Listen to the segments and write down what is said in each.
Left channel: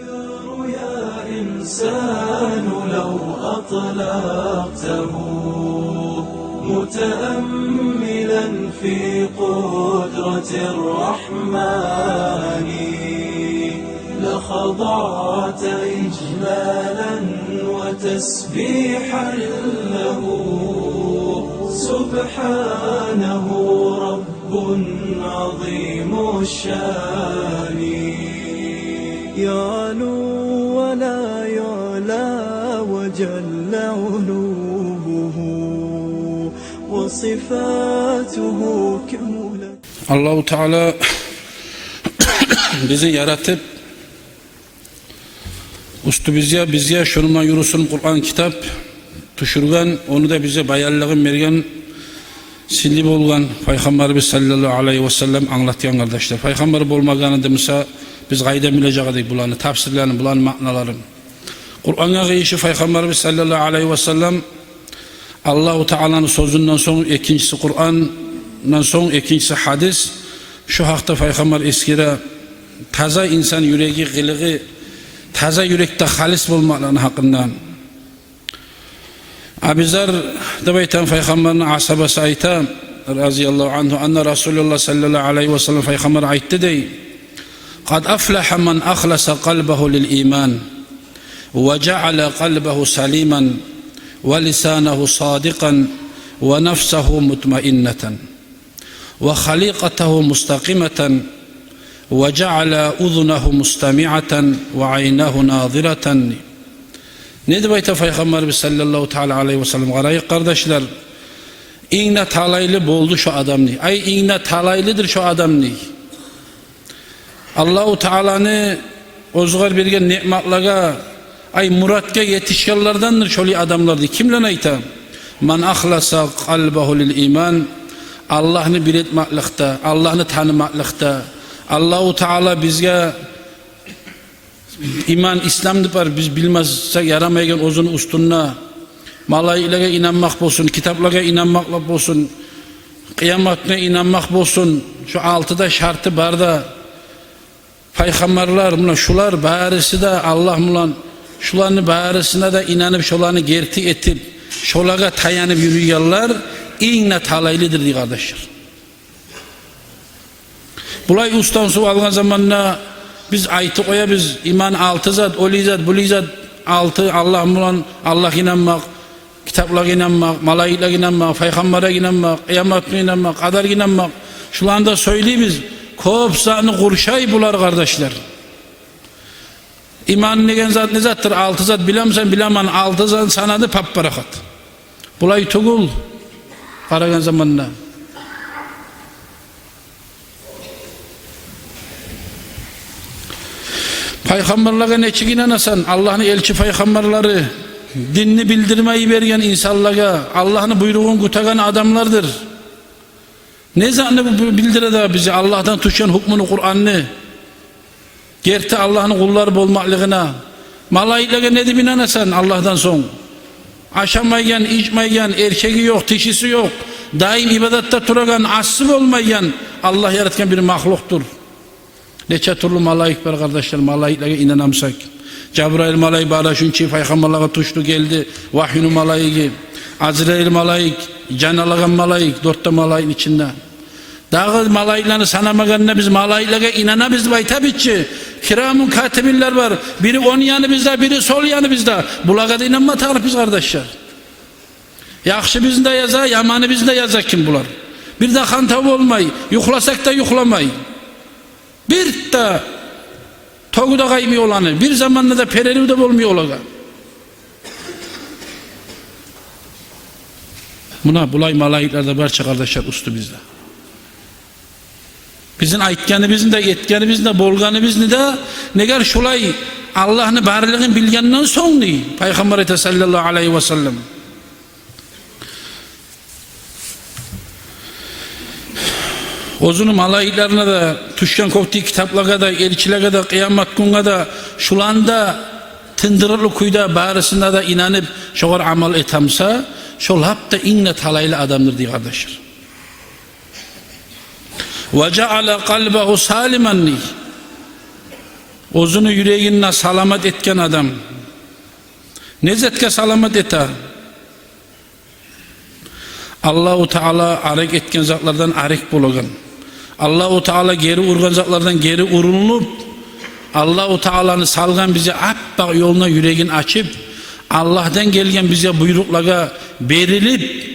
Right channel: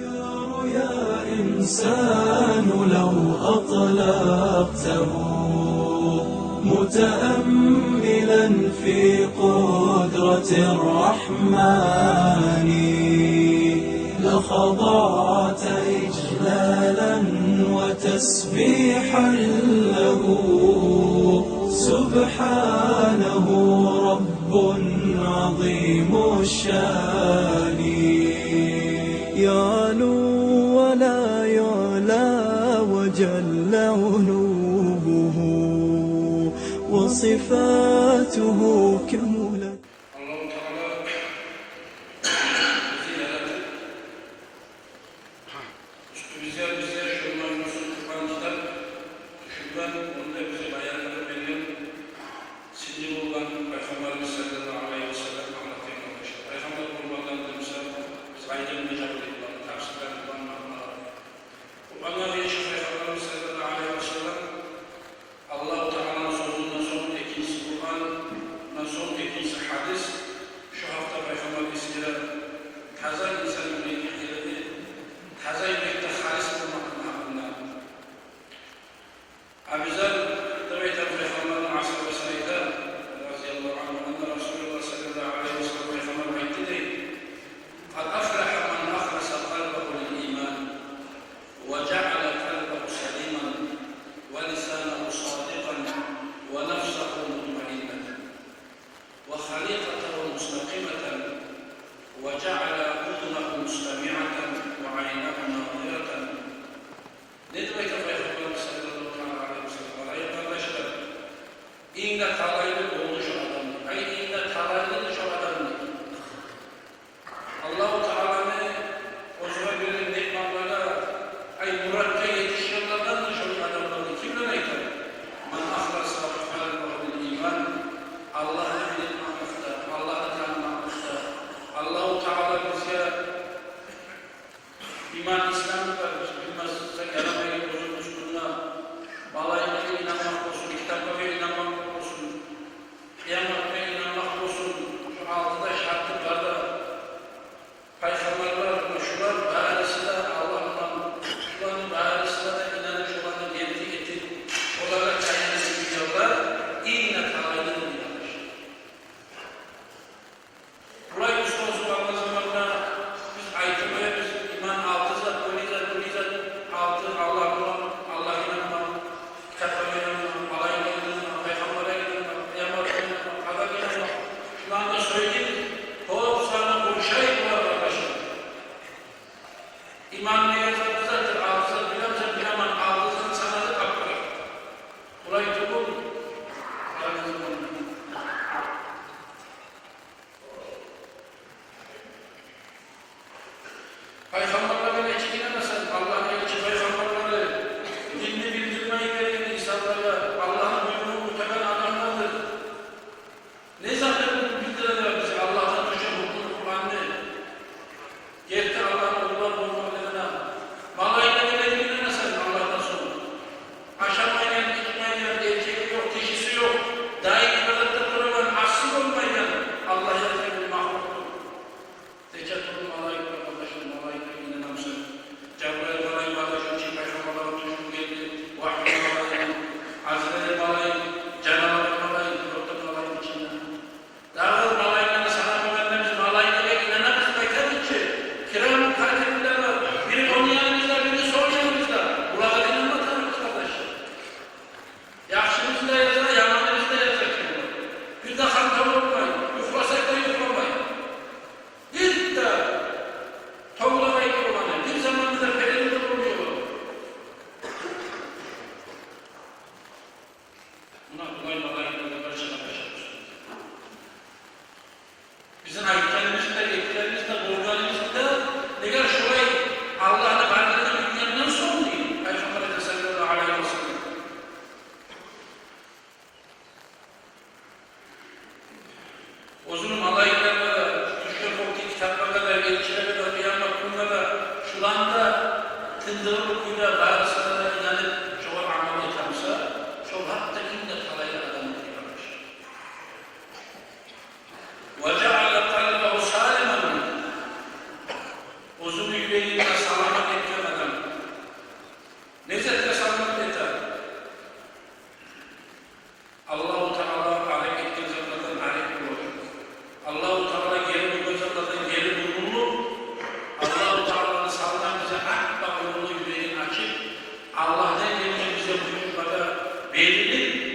الأفكار يا إنسان لو أطلقته متأملا في قدرة الرحمن لخضعت إجلالا وتسبيحا له سبحانه رب عظيم الشان يعلو ولا يعلى وجل علوه وصفاته كملت. Allah-u Teala bizi yaratıp ustu bizge şunuma yürüsün Kur'an kitap düşürgen, onu da bize bayarlığın bergen silip olgan Peygamberimiz sallallahu aleyhi ve sellem anlatyan kardeşler. Peygamber bolmaganında mesela biz gayda bileceğiz bulanı, tafsirlerini, bulanı maknalarını. Kur'an'a giyişi Peygamberimiz sallallahu aleyhi ve sellem Allah-u Teala'nın sözünden sonra ikincisi Kur'an'dan sonra ikincisi hadis. Şu hakta Peygamber eskire taza insan yüreği, gılığı, taza yürekte halis bulmaklarının hakkından. Abizar da beyten Peygamber'in asabası ayta raziyallahu anhu anna Resulullah sallallahu aleyhi ve sellem Peygamber aytti dey قد أفلح من أخلص قلبه للإيمان وجعل قلبه سليما ولسانه صادقا ونفسه مطمئنة وخليقته مستقيمة وجعل أذنه مستمعة وعينه ناظرة. Ne de Peygamberimiz sallallahu teala aleyhi ve sellem garayı kardeşler iğne talaylı boldu şu adam ni. Ay iğne talaylıdır şu adam ni. Allah-u Teala'nı ozgar bergen ni'matlaga ay muratga yetişkenlerdendir şöyle adamlardı. Kimle ayta? Man ahlasa kalbahu lil iman. Allah'ını biletmaklıkta, Allah'ını tanımaklıkta. Allah-u Teala bizge iman, İslam dipar biz bilmezsek yaramaygen ozunu ustunna malayilere inanmak bolsun, kitaplara inanmak bolsun, kıyametine inanmak bolsun. Şu altıda şartı barda Peygamberler buna şular barisi de Allah mulan şularını barisine de inanıp şularını gerti etip şolaga tayanıp yürüyorlar iğne talaylıdır diye kardeşler. Bulay ustan su algan zamanla biz aytı koya biz iman altı zat, oli zat, buli zat altı Allah mulan Allah inanmak, kitaplara inanmak, malaiklara inanmak, peygambere inanmak, kıyametine inanmak, kadar inanmak. Şularında söyleyimiz kopsağını kurşay bular kardeşler. İman negen zat ne zattır? Altı zat bilemsen bilemen altı zat sanadı papparakat. Bulay tugul karagan zamanla. Peygamberlere neçik inanasan Allah'ın elçi peygamberleri dinini bildirmeyi bergen insanlara Allah'ın buyruğunu kutagan adamlardır. Ne zannı bildirede bizi Allah'tan tuşan hukmunu Kur'an'ını gerti Allah'ın kulları bolmaklığına malaikaya ne dibine inanasan Allah'tan son aşamayan, içmeyen, erkeği yok, dişisi yok daim ibadette turagan, asıl olmayan Allah yaratkan bir mahluktur. Neçe türlü malaik var kardeşler, malaiklere inanamsak Cebrail malaik bara şunçi peygamberlere tuştu geldi vahyunu malaiki Azrail malaik canalıgan malaik dörtte malaikin içinde dağı malaiklerini sanamaganına biz malaiklere inanamız bay tabi ki kiramun katibinler var biri on yanı bizde biri sol yanı bizde bulaga da inanma tanrı biz kardeşler yakşı bizde yazar yamanı bizde yazar kim bular bir de hantav olmay yuklasak da yuklamay bir de toğuda kaymıyor olanı bir zamanda da pereli de olmuyor olaga buna bulay malayiklerde barça kardeşler ustu bizde bizim aytganımızın da yetganımızın da bolganımızın da neger şulay Allah'ın barlığını bilgenden sonra Peygamber sallallahu aleyhi ve sellem ozunu malayiklerine de tuşkan koptiği kitaplara da elçilere de kıyamet gününe de şulanda tındırılı kuyda barisinde de inanıp şoğar amal etamsa şol hap da inne talaylı adamdır diye kardeşler. وَجَعَلَ قَلْبَهُ سَالِمًا Ozunu yüreğinle salamat etken adam. Nezetke salamat eta. Allahu Teala arek etken zatlardan arek bolagan. Allahu Teala geri urgan zatlardan geri urulup, Allahu Teala'nı salgan bize appak yoluna yüreğin açıp, Allah'tan gelgen bize buyruklara berilip,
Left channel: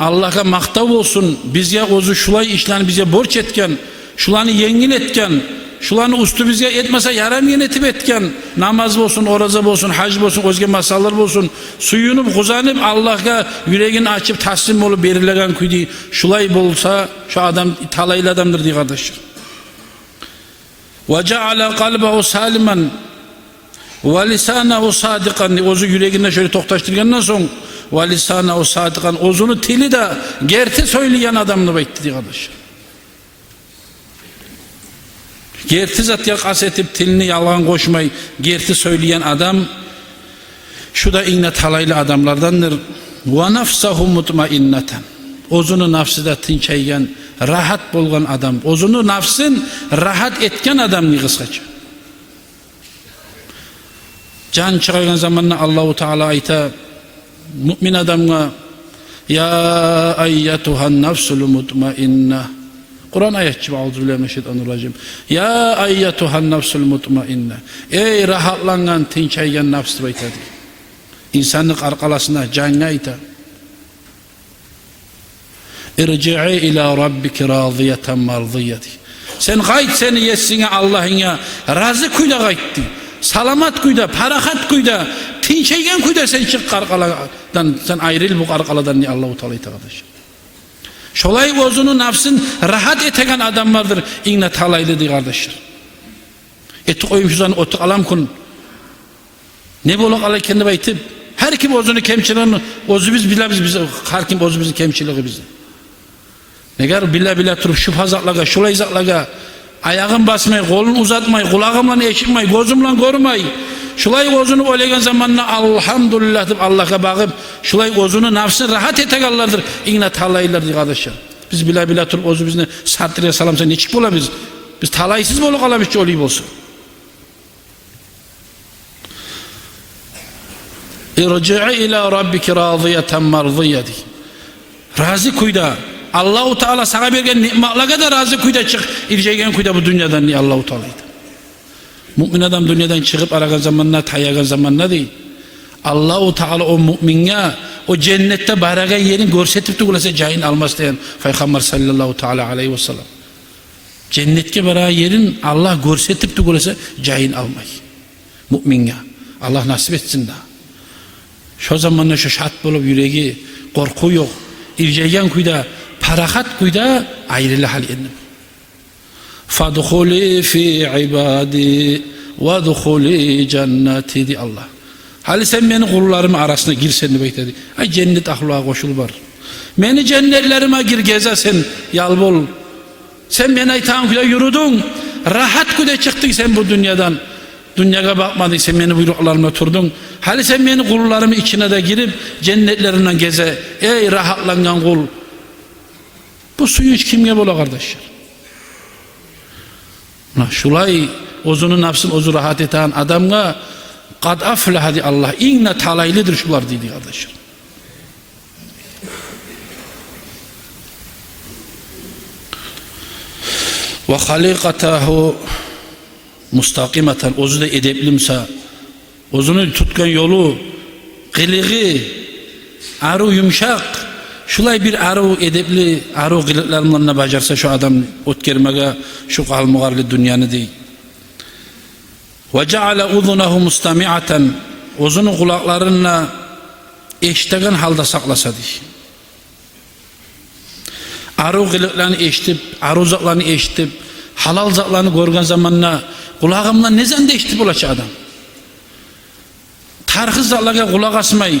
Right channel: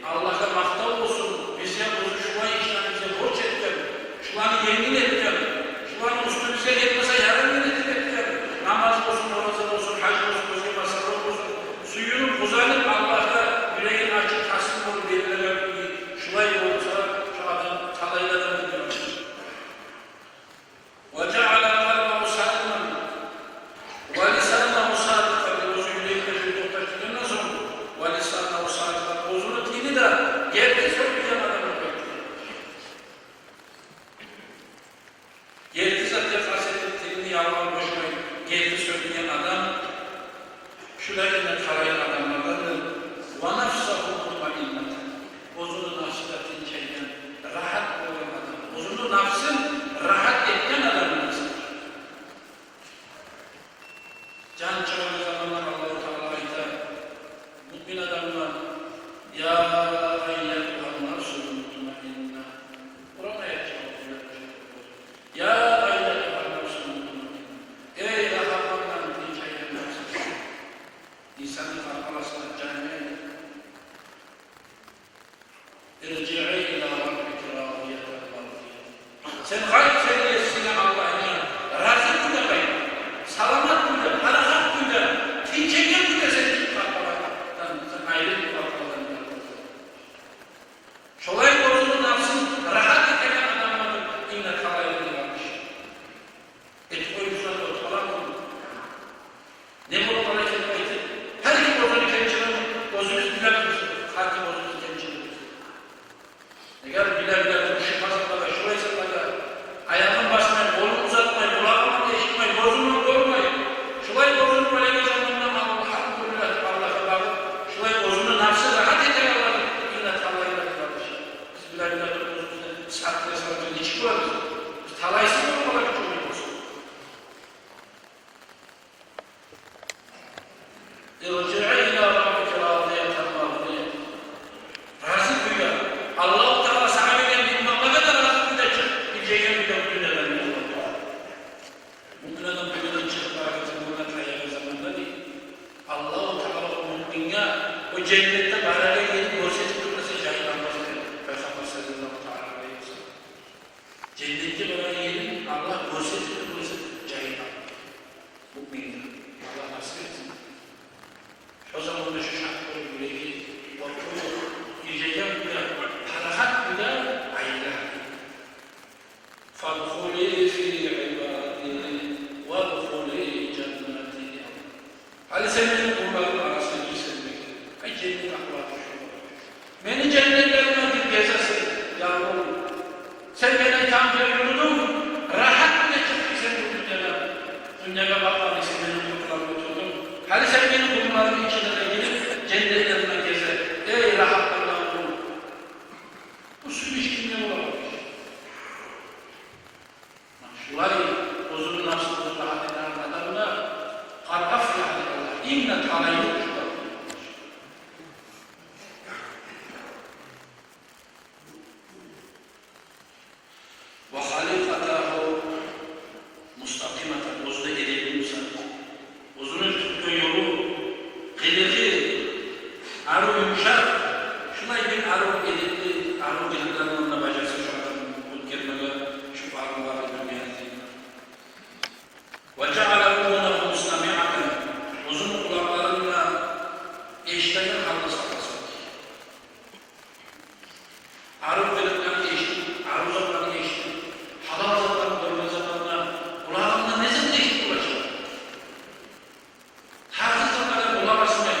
Allah'a maktav olsun, bize ozu şulay işlerini bize borç etken, şulanı yengil etken, şulanı ustu bize etmese yaram yenetip etken, namaz olsun, oraza olsun, hac olsun, özge masallar olsun, suyunup, kuzanıp Allah'a yüreğini açıp taslim olup berileyen kuydu, şulay bolsa şu adam talaylı adamdır diye kardeşler. وَجَعَلَ قَلْبَهُ سَالِمًا وَلِسَانَهُ صَادِقًا ozu yüreğinden şöyle toktaştırgandan sonra وَلِسَانَهُ صَادِقًا ozunu tili de gerti söyleyen adamını bekti diye kardeşler. Gerti zat yakas etip tilini yalan koşmayı gerti söyleyen adam şu da yine talaylı adamlardandır. وَنَفْسَهُ مُطْمَئِنَّةً ozunu nafsı da tinçeygen rahat bolgan adam, ozunu nafsın rahat etken adam kısaca. Can çıkargan zamanla Allahu Teala ayta mümin adamga ya ayyatuhan nafsul mutmainnah. Kur'an ayetçi Euzubillahimineşşeytanirracim. Ya ayyatuhan nafsul mutmainnah. Ey rahatlangan tinçeygen nafs aytadı. İnsanlık arkalasına canına ayta. İrci'i ila rabbiki radiyeten mardiyeti. Sen gayt seni yetsine Allah'ına razı kuyda gaytti. Salamat kuyda, parahat kuyda, tinçeygen kuyda sen çık karkaladan, sen ayrıl bu karkaladan diye Allah-u Teala'yı kardeş. Şolay ozunu nafsın rahat etegen adamlardır. İnne talaylı diye kardeşler. Etti koyum şuzan otuk alam kun. Ne bolak alay kendi baytip. Her kim ozunu kemçiliğini, ozu biz biliriz bize, her kim ozu bizi kemçiliği bize. Negar bile turup şu fazlaklaga, şulay zaklaga, ayağın basmay, kolun uzatmay, kulağımla eşitmay, gözümle görmay. Şulay gözünü oylayan zamanla elhamdülillah deyip Allah'a bakıp, şulay gözünü nafsı rahat etegallardır. İğne talaylardır kardeşler. Biz bile turup ozu bizine sattırıya salamsa ne çık bola biz? Biz talaysız bolu kalamış ki olayım olsun. İrci'i ila rabbiki radiyeten mardiyeti. Razı kuyda. Allah-u Teala sana bergen ni'matlara da razı kuyda çık. İrcegen kuyda bu dünyadan niye Allah-u Teala'ydı. Mümin adam dünyadan çıkıp aragan zamanla, tayagan zamanla değil. Allah-u Teala o müminge, o cennette baraga yerin görsetip de kulasa cahin almaz diyen Peygamber sallallahu teala aleyhi ve sellem. Cennetke baraga yerin Allah görsetip de kulasa cahin almay. Müminge. Allah nasip etsin de. Şu zamanla şu şart bulup yüreği korku yok. İrcegen kuyda, parahat kuyda ayrılı hal yendim. Fadkhuli fi ibadi ve dkhuli cenneti di Allah. Hali sen beni kullarım arasına girsen de bekledi. Ay cennet ahluğa koşul var. Beni cennetlerime gir gezesin yalbol. Sen beni aytağım kuyda yürüdün. Rahat kuyda çıktın sen bu dünyadan. Dünyaya bakmadın sen beni buyruklarına oturdun. Hali sen beni kullarımın içine de girip cennetlerinden geze. Ey rahatlanan kul. Bu suyu hiç kimye bola kardeşler. Şulay ozunu nafsın ozu rahat eten adamga kad aflaha di Allah. İnne talaylıdır şular dedi kardeşler. Ve halikatahu mustakimeten ozu da edeplimse ozunu tutkan yolu kılığı aru yumuşak şulay bir aru edepli aru kılıklarından bacarsa şu adam ot kermege şu kalmıgarlı dünyanı değil. Ve ceale uzunahu mustami'aten ozunu kulaklarına eşitegen halda saklasa değil. Aru kılıklarını eşitip aru zaklarını eşitip halal zaklarını görgen zamanla kulağımla ne zende eşitip olacak adam. Tarhız zaklarına kulak asmayı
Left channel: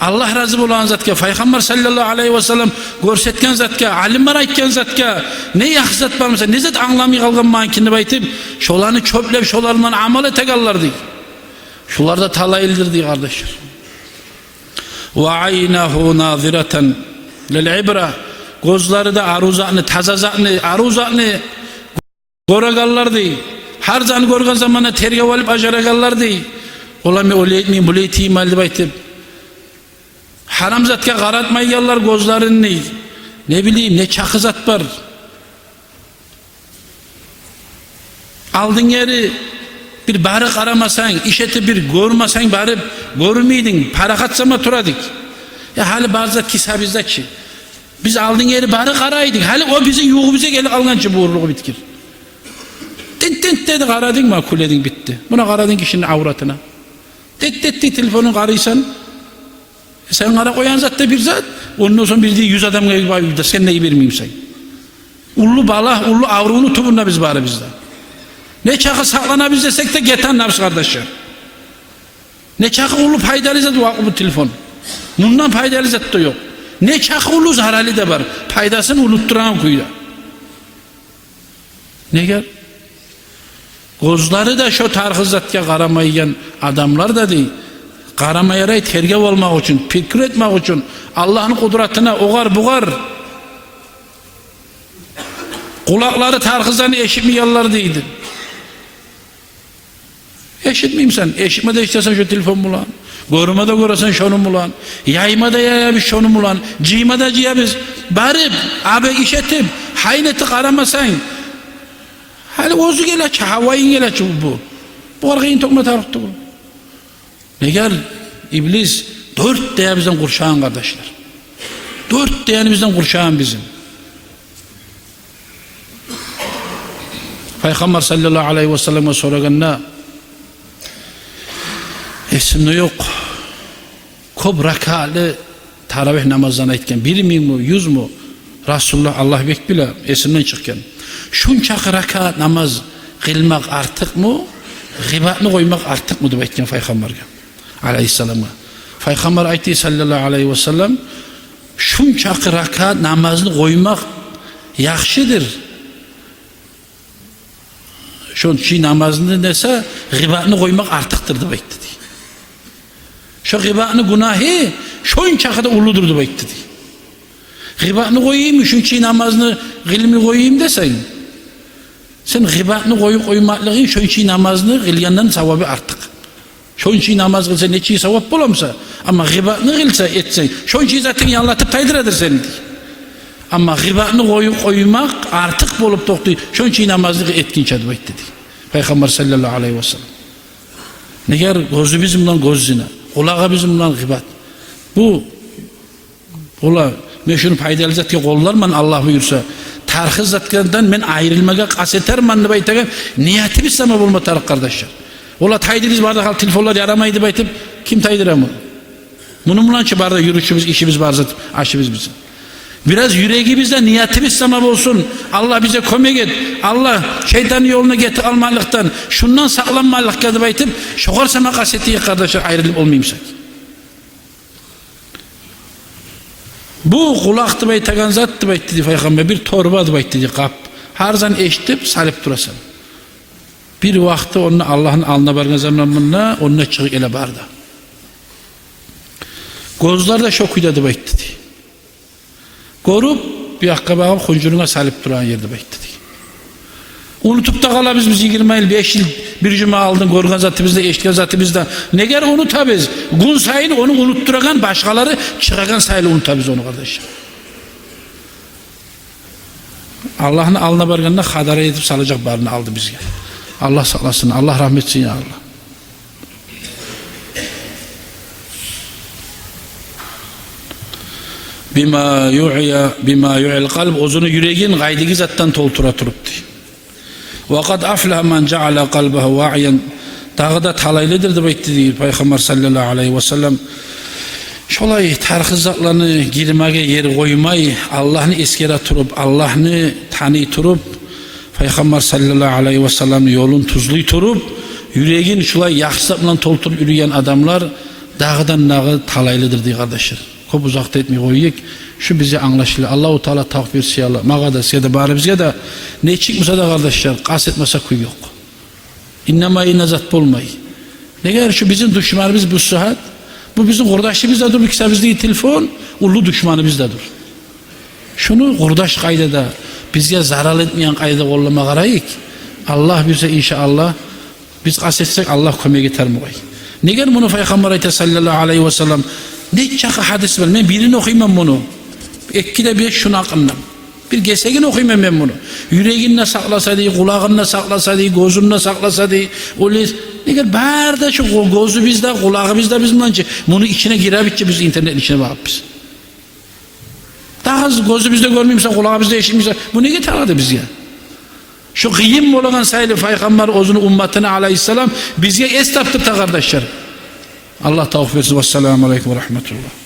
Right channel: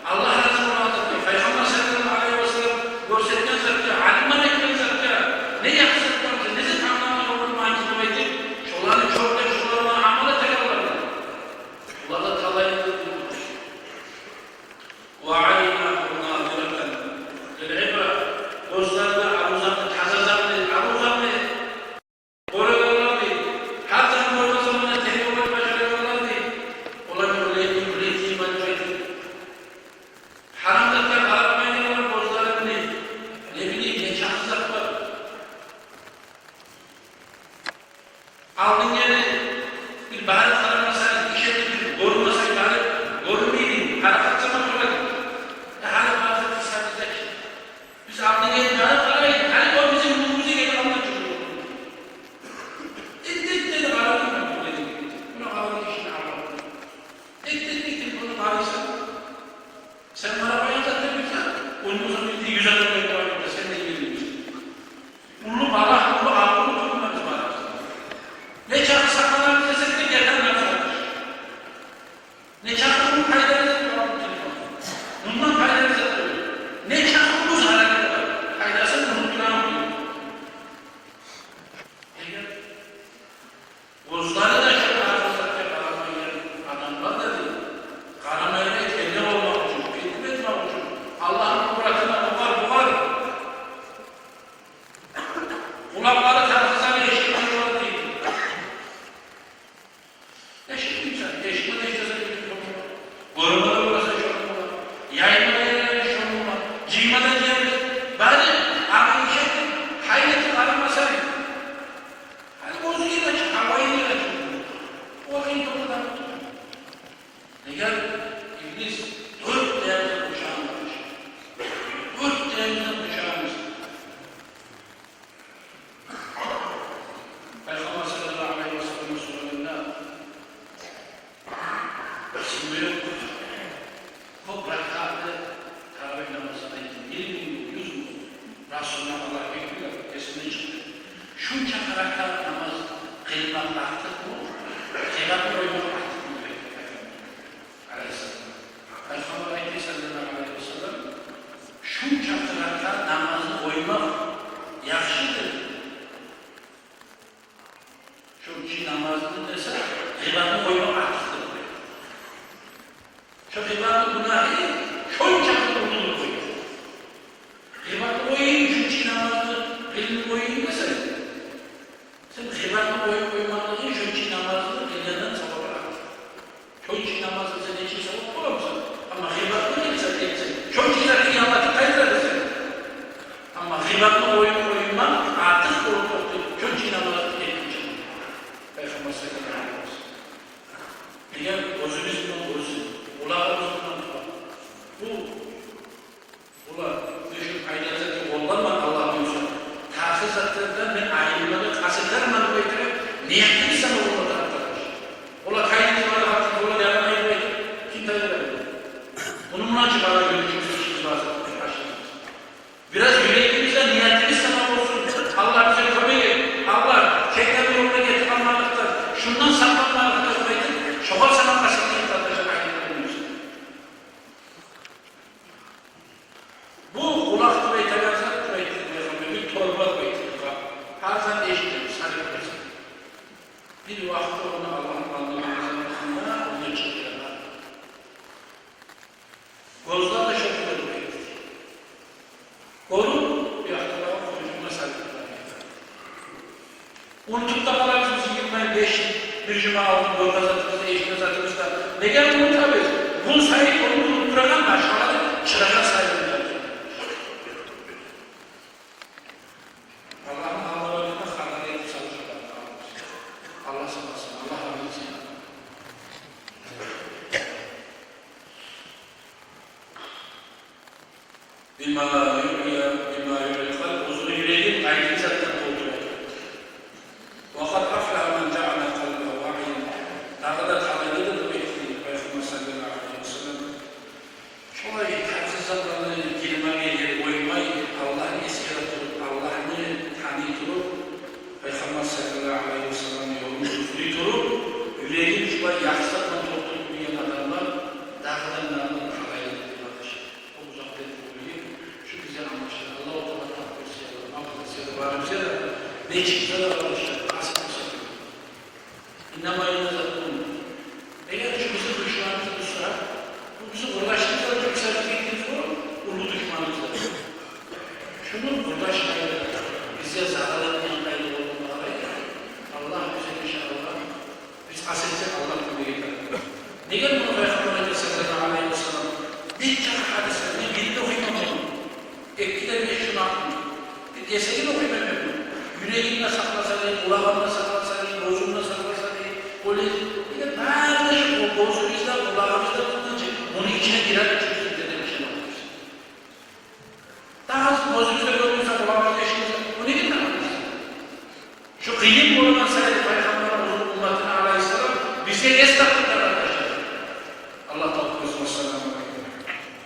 Allah razı olan zatke, Peygamber sallallahu aleyhi ve sellem görsetken zatke, alimler aytken zatke, ne yaxsat barmasa, ne zat anlamay kalgan mankini baytip, şolarını çöplep, şolarından amal etegallar deyik. Şular da talayıldır deyik kardeşler. Ve aynahu nazireten lil ibra, gözleri de aruzakını, tazazakını, aruzakını göregallar deyik. Har zany görgen zamanda tergep alıp ajaraganlar değil. Ola men öyle bu ihtimal dep aytıp haram zatga qaratmayganlar gözlerini. Ne bileyim ne çakı zat var. Aldın yeri bir bari qaramasan, işeti bir görmesen bari görmeydin. Para katsama turadık. Ya hali bazı kisa bizde ki. Biz aldın yeri bari qaraydık. Hali o bize yuğumuza gelip algançı bu uğurluğu bitkir. Tint dedi qaradın mı kuledin bitti. Buna qaradın kişinin avratına. Tit telefonun qarıysan. Sen qara koyan zat da bir zat. Ondan sonra bildiği 100 adam gelip ayıdır. Sen neyi vermeyeyim sen. Ullu bala, ullu avruğunu tubunla biz bari bizde. Ne çakı saklanabilir desek de geten nabız kardeşler. Ne çakı ulu faydalı zat bu telefon. Bundan faydalı zat da yok. Ne çakı ulu zararlı da var. Faydasını unutturan kuyuyor. Ne gel? Gözleri de şu tarhı zatga qaramayan adamlar da değil. Qaramayaray tergep olmak için, fikir etmek için, Allah'ın kudretine oğar buğar. Kulakları tarhızdan eşitmeyenler değildir. Eşitmeyeyim sen. Eşitme de istesen şu telefon bulan. Görme de göresen şunu bulan. Yayma da yayabız şunu bulan. Ciyma da ciyabız. Bari abi işetim. Hayneti qaramasan. Hali ozu geleç, havayın geleç bu. Bu argayın tokma tarıktı bu. Ne gel? İblis 4 diye bizden kurşağın kardeşler. 4 diye bizden kurşağın bizim. Peygamber sallallahu aleyhi ve sellem'e soraganda esimde yok. Kob rakalı taravih namazdan aytken 1 mi 100 mu? Resulullah Allah bekbile esimden çıkken. Şunçak rakat namaz kılmak artık mı? Gıbatını koymak artık mı? Diyip aytken Peygamber'e aleyhisselam'a. Peygamber aytti sallallahu aleyhi ve sellem şunçak rakat namazını koymak yaxşıdır. Şunçak namazını dese gıbatını koymak artıktır diyip aytti. Şu gıbatını günahı şunçak da uludur diyip aytti. Gıbatını koyayım, şunçak namazını gılımını koyayım desen sen gıbatını koyup koymaklığın şunçak namazını gılyandan sevabı artık. Şunçak namaz kılsa neçi sevap bulamsa ama gıbatını kılsa etsen şunçak zaten yanlatıp taydıradır seni. Ama gıbatını koyup koymak artık bulup toktu. Şunçak namazını etkince diyip aytti. Peygamber sallallahu aleyhi ve sellem. Ne ger gözü bizimden göz zina, kulağı bizimden gıbat. Bu ola men şunu faydalı zatga qo'llarman Allah buyursa. Tarhı zatlardan men ayrılmaga qaseterman deb aytagan niyatimiz sama bo'lma tarix kardeşler. Ola taydiriz barda hal telefonlar yaramaydı deb aytib kim taydıramı? Bunun bilançı barda yürüyüşümüz, işimiz var zat, aşımız bizim. Biraz yüreğimizde niyatimiz sama olsun. Allah bize kömek et. Allah şeytanın yoluna getir almalıktan, şundan sağlanmalıkta deb aytib, şoğar sana kasetiye kardeşler ayrılıp olmayımsak. Bu kulak deb aytagan zat deb aytdi Peygamber bir torba deb aytdi qap. Har zan eshitib salib turasan. Bir vaqtda onu Allah'ın alnına bargan zamanında onunla çıkıp ele bardı. Gözler de şok uyda deb aytdi. Görüp bir hakka bağım huncuruna salib turan yer deb aytdi. Unutup da qalabız biz 20 yıl 5 yıl bir cuma aldın görgen zatımızda eşitken zatımızda ne gel unutabız gün sayını onu unutturagan başkaları çıkagan sayını unutabız onu kardeşim. Allah'ın alına barganına hadara edip salacak barını aldı bizge. Allah sağlasın, Allah rahmetsin ya Allah. Bima yu'il kalb ozunu yüreğin gaydigi zattan toltura turuptu. وَقَدْ أَفْلَهَ مَنْ جَعَلَ قَلْبَهُ وَاعِيًا Dağı da talaylıdır da aytdi Peygamber sallallahu aleyhi ve sellem. Şolay tarhı zatlarını girmege yer koymay, Allah'ını eskere turup, Allah'ını tanıy turup, Peygamber sallallahu aleyhi ve sellem yolun tuzluy turup, yüreğin şolay yaxşılarla tolturup yürüyen adamlar dağdan dağı talaylıdır diye kardeşler. Çok uzakta etmeyi koyuyuk. Şu bize anlaşılır. Allah-u Teala takvir siyala. Mağada siyada bari bizge de ne çıkmasa da kardeşler kastetmese kuy yok. İnnemayı nezat bulmayı. Ne kadar şu bizim düşmanımız bu sıhhat. Bu bizim kardeşimiz de dur. Yoksa bizdeki telefon ulu düşmanımız da dur. Şunu kardeş kaydada bizge zarar etmeyen kayda kollama karayık. Allah bize inşallah biz kasetsek Allah kömeğe getir mi koy. Ne gel bunu Peygamber ayet sallallahu aleyhi ve sellem ne çaka hadis var. Ben birini okuyayım bunu. Ekkide bir şunu akıllam. Bir gesegin okuyayım ben bunu. Yüreğinle saklasa diye, kulağınla saklasa diye, gözünle saklasa diye. Ne gel barda şu gözü bizde, kulağı bizde bizimle. Bunu içine girebikçe biz internetin içine bakıp biz. Daha az gözü bizde görmeyeyimse, kulağı bizde eşimizse. Bu ne getirdi biz ya? Şu kıyım olan sayılı Peygamber özünü ümmetine aleyhisselam bize esnaftır kardeşler. Allah tavuk versin. Vesselamu aleyküm ve rahmetullah.